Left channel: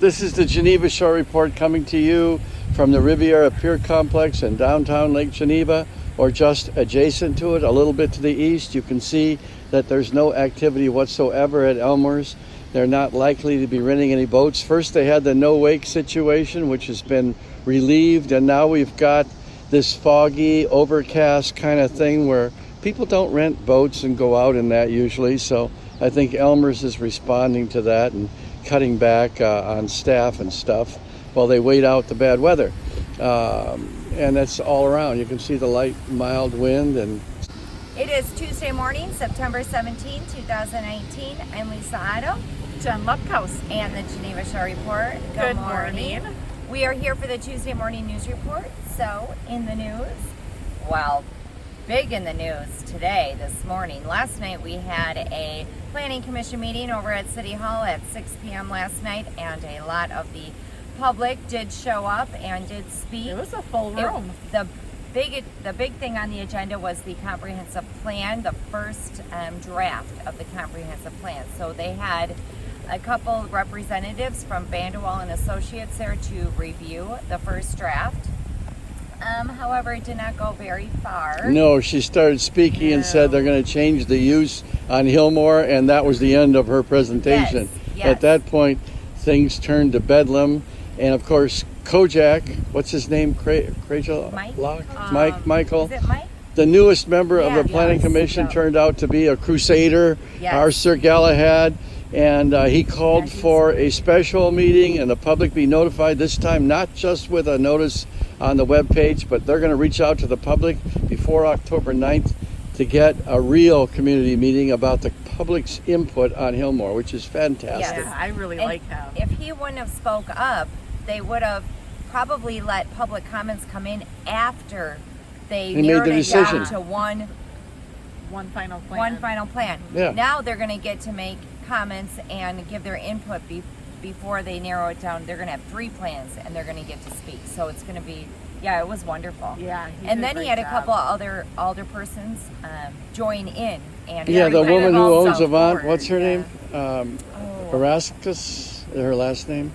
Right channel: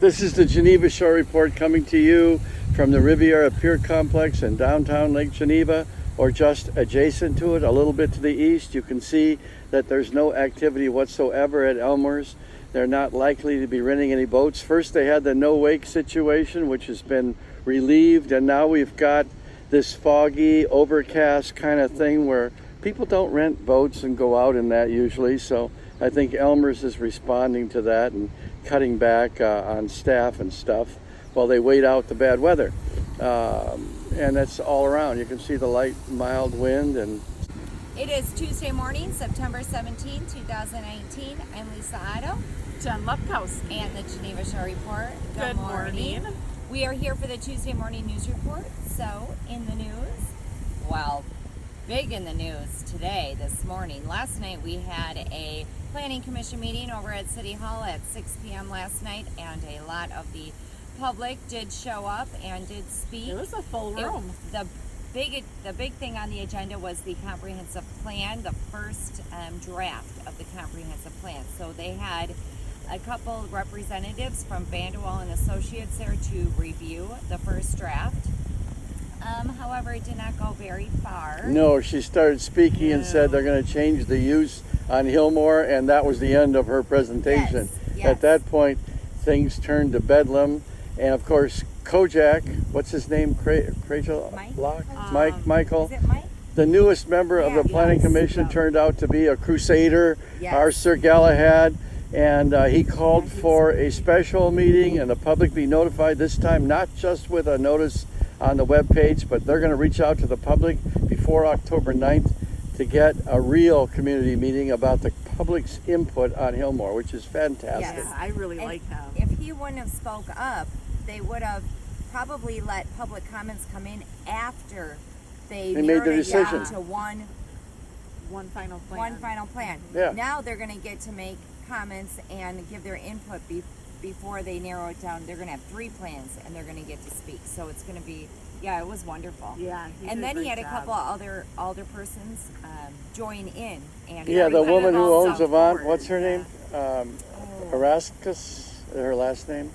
This is the Geneva Shore Report coming to you from the Riviera Pier Complex in downtown Lake Geneva, or just adjacent to it, a little bit to the east. You can see that there's no activity whatsoever at Elmer's. They're not likely to be renting any boats. First they had the no wake situation, which has been relieved, and now we've got this foggy, overcast kind of thing where people don't rent boats and go out in that usually. So I think Elmer's is responding to that and cutting back on staff and stuff while they wait out the bad weather. And that's all around. You can see the light, mild wind. And it is Tuesday morning, September 17, 2019. I'm Lisa Otto. Jen Lupkowski. And the Geneva Shore Report. Good morning. We are here for the Tuesday morning news report. So, in the news, well, big in the news today, this morning. Last night we had a Planning Commission meeting over at City Hall at 6 p.m. last night, and a lot of the public did show up and did speak. It was a full room. The big thing on the agenda was the comprehensive plan, the first draft of the comprehensive plan. So they had a couple representatives from Bandewall and Associates there to review the first draft. However, it did not go very far. no, she started speaking and said they're going to change the use on Hillmore, and that was the end of her presentation. Yes. At that point, things turned to bedlam, and of course, Kojak, what's his name? Rachel? Mike? Michael? Is it Mike? The newest member of the Planning Commission Yeah. turned out to be a crusader, Yes. our Sir Galahad, and he called for a special meeting and the public be notified, this time not just with a notice on the webpage, but they're going to reach out to the public before October 9th to get a real community meeting about the public's input on Hillmore, which is fantastic. Yes. Yeah, I really And like him. if he wouldn't have spoke up, they would have probably let public comments come in after they They made narrowed the it decision. down to one One final plan. Yeah. Now they're going to get to make comments and give their input before they narrow it down. They're going to have 3 plans and they're going to get to speak. So it's going to be, it was wonderful. Yeah. And then he had a couple other alderpersons join in. And Yeah, the everybody woman who also owns Avant, forward, what's her name? Oh. Erascus, her last name,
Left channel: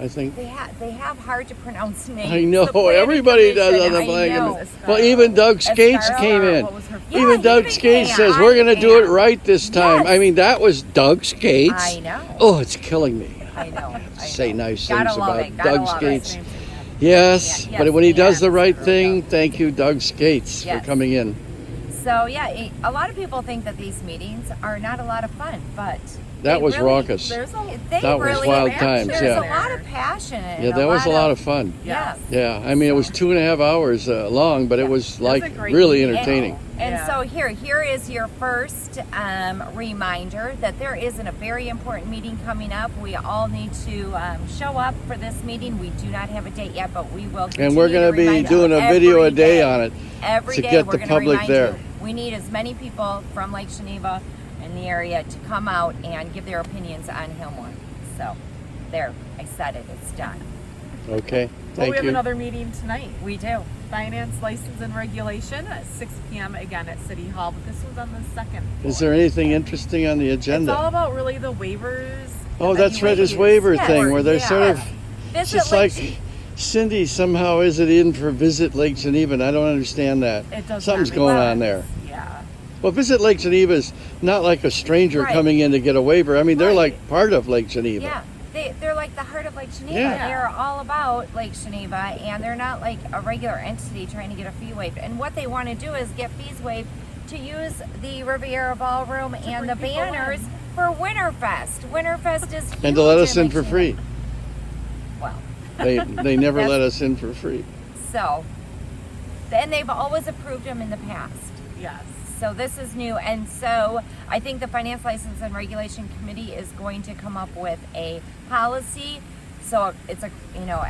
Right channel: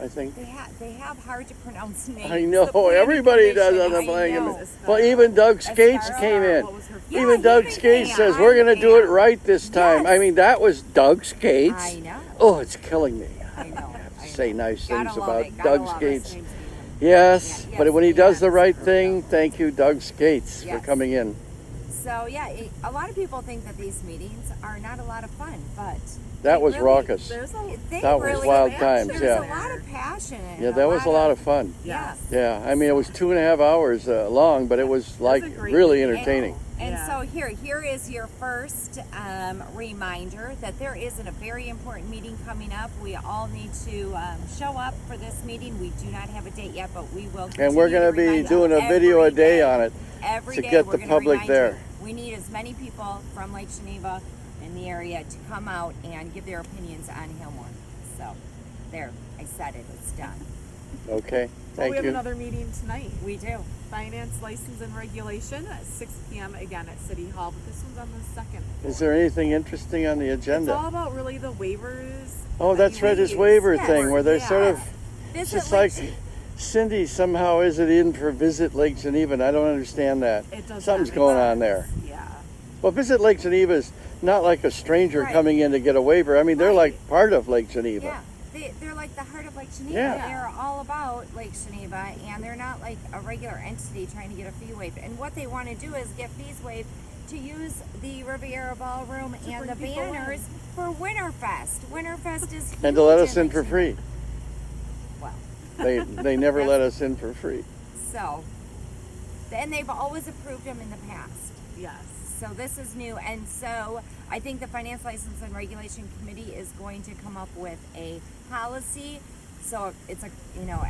I think. They have hard to pronounce names. I know, The Planning everybody does Commission, on the I Planning know. Commission. Well, even Doug Skates Escarra, came in. What was her Yeah, Even he Doug even Skates came says, in. we're going to do it Yeah. right this time. Yes. I mean, that was Doug Skates. I know. Oh, it's killing me. I know. Say nice Gotta things love about it, gotta Doug love Skates. it. Yes, Yeah, but yes, when he does yes. the right There we thing, go. thank you, Doug Skates, Yes. for coming in. So a lot of people think that these meetings are not a lot of fun, but That they was really- raucous. There's a They That was really wild times, There's yeah. a lot of passion. And Yeah, that was a lot of fun. Yes. Yeah, I mean, it was 2.5 hours long, but it was a like great really meeting. entertaining. And Yeah. so here is your first reminder that there isn't a very important meeting coming up. We all need to show up for this meeting. We do not have a date yet, but we will continue And we're going to be remind doing you a video every a day day. on it Every to day get we're the going to public remind there. you. We need as many people from Lake Geneva in the area to come out and give their opinions on Hillmore. So, there, I said it. It's done. Okay, Well, thank we have you. another meeting tonight. We do. Finance, license, and regulation at 6 p.m. again at City Hall, but this one's on the second floor. Is there anything interesting on the It's agenda? all about really the waivers. Oh, and that's any right, this waivers. waiver Yeah. thing where they're Yeah. sort of, it's Visit just Lake like Cindy somehow is it in for Visit Lake Geneva, and I don't understand that. It does Something's not make going sense. on there. Yeah. Well, Visit Lake Geneva is not like a stranger Right. coming in to get a waiver. I mean, they're Right. like part of Lake Geneva. Yeah, they're like the heart of Lake Geneva. Yeah. They're all about Lake Geneva, and they're not like a regular entity trying to get a fee waived. And what they want to do is get fees waived to use the Riviera Ballroom and the bring people banners in. for Winterfest. Winterfest is huge And to let us in Lake for Geneva. free. Well, They never That's- let us in for free. so, and they've always approved them in the past. Yes. So this is new, and so I think the Finance License and Regulation Committee is going to come up with a policy. So it's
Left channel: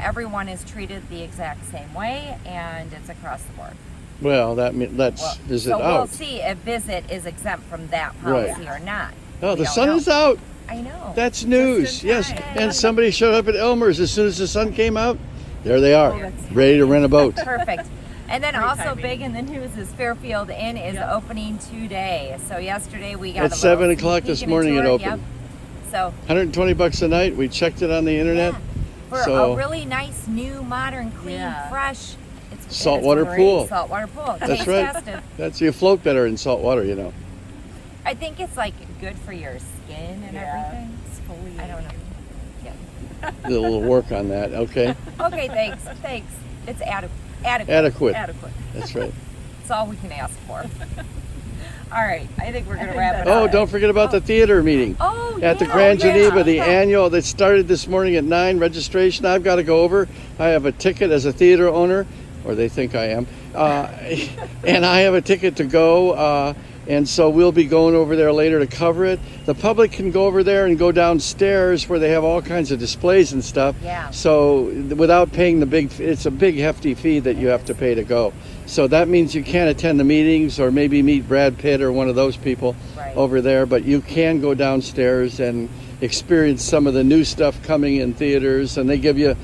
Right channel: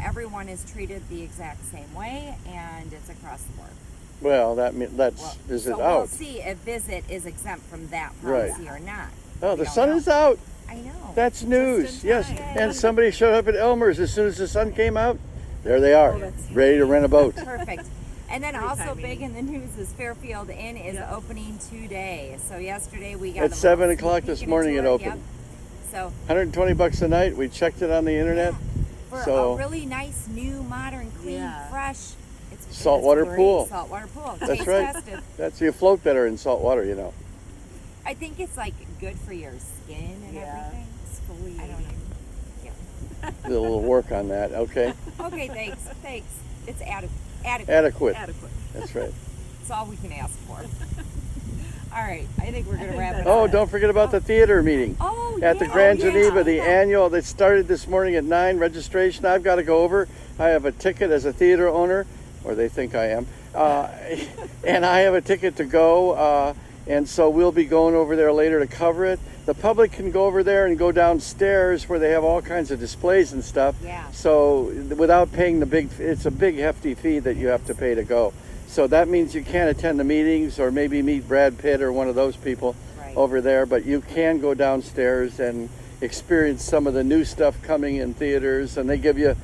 everyone is treated the exact same way, and it's across the board. Well, that's Well, Visit so out. we'll see if Visit is exempt from that policy or not. Oh, We the don't sun know. is out. I know. That's news. in Yes. time. And somebody showed up at Elmer's as soon as the sun came out. There they are, Oh, that's- ready to rent a boat. Perfect. And then Great also timing. big in the news is Fairfield Inn is Yep. opening today. So yesterday we got At a little 7 sneak o'clock peek this and a morning it tour. opened. Yep. So $120 a night. We checked it on the internet. yeah. for So- a really nice, new, modern, clean, Yeah. fresh. It's Saltwater great. pool. Saltwater pool. That's Taste right. tested. That's you float better in salt water, you know. I think it's like good for your skin and everything. Exfoliating. I don't know. Yeah. Did a little work on that. Okay, Okay, thanks. Thanks. It's adequate. adequate. Adequate. That's right. That's all we can ask for. All right, I think we're gonna wrap it Oh, up. don't forget about the theater meeting. Oh, At the yeah. Grand Oh, yeah. Geneva, the Yeah. annual that started this morning at 9, registration. I've got to go over. I have a ticket as a theater owner, or they think I am, and I have a ticket to go. And so we'll be going over there later to cover it. The public can go over there and go downstairs where they have all kinds of displays and stuff. Yeah. So without paying the big, it's a big hefty fee that you have to pay to go. So that means you can't attend the meetings or maybe meet Brad Pitt or one of those people Right. over there, but you can go downstairs and experience some of the new stuff coming in theaters, and they give you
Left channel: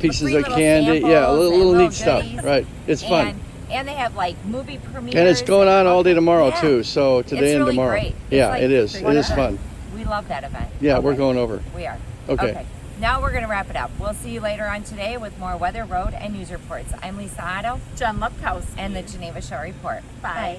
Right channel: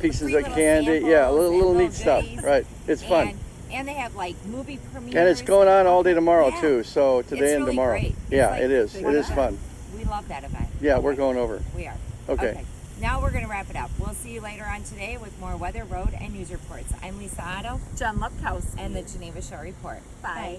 pieces Free of little candy. samples Yeah, and little little neat stuff. goodies. Right. It's fun. And they have like movie premieres. And it's going on all day tomorrow Yeah. too. So today It's and really tomorrow. great. It's Yeah, like it is. It one is of the- fun. We love that event. Yeah, Okay. we're going over. We are. Okay. Now we're going to wrap it up. We'll see you later on today with more weather, road, and news reports. I'm Lisa Otto Jen Lepkowski. and the Geneva Show Report. Bye.